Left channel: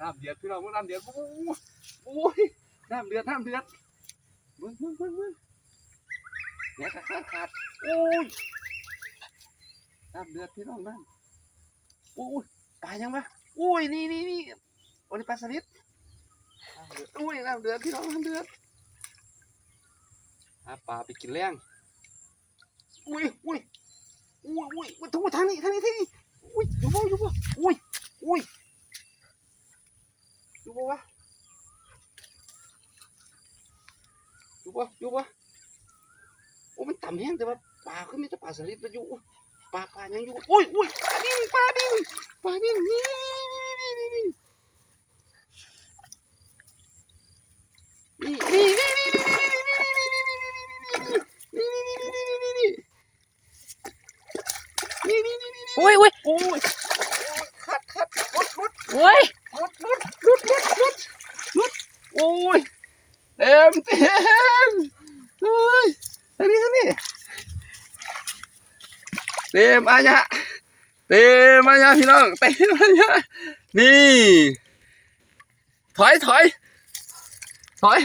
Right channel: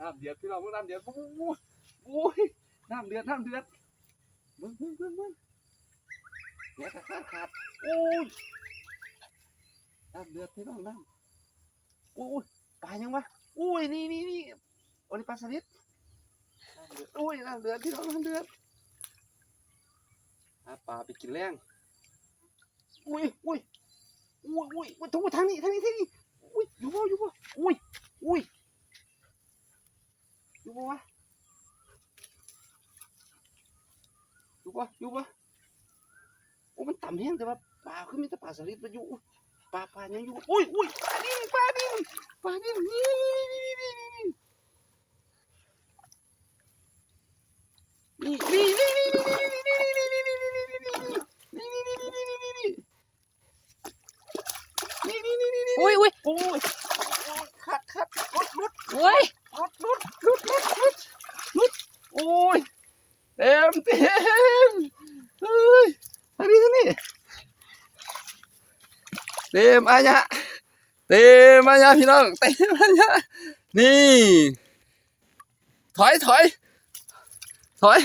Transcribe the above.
น้ำเดือดพี่น้องน้ำเดือดโอ้ยน้ำเดือดมึงเนี่ยขาดโอ้ยน้ำเดือดพี่น้องน้ำโอ้ยปลายังวะโอ้ยนี่โอ้ยปลาสลิดน้ำเดือดโอ้ยน้ำเดือดพี่น้องน้ำเดือดปลาไปกินแรงอุ้ยทางนี้อุ้ยอยู่บ่อุ้ยอยู่บ่วะอยู่บ่โอ้มันต่ำแห้งแต่ว่าปลาขึ้นมีแต่ปลาสลิดมาอยู่ปลายังอยู่อุ้ยปลาดิ้นอุ้ยขัดรุด โอ้ย โอ้ยเต็มเฮ้ยทางนี้เต็มอาญะพี่น้องเต็มอาญะนี่ถอย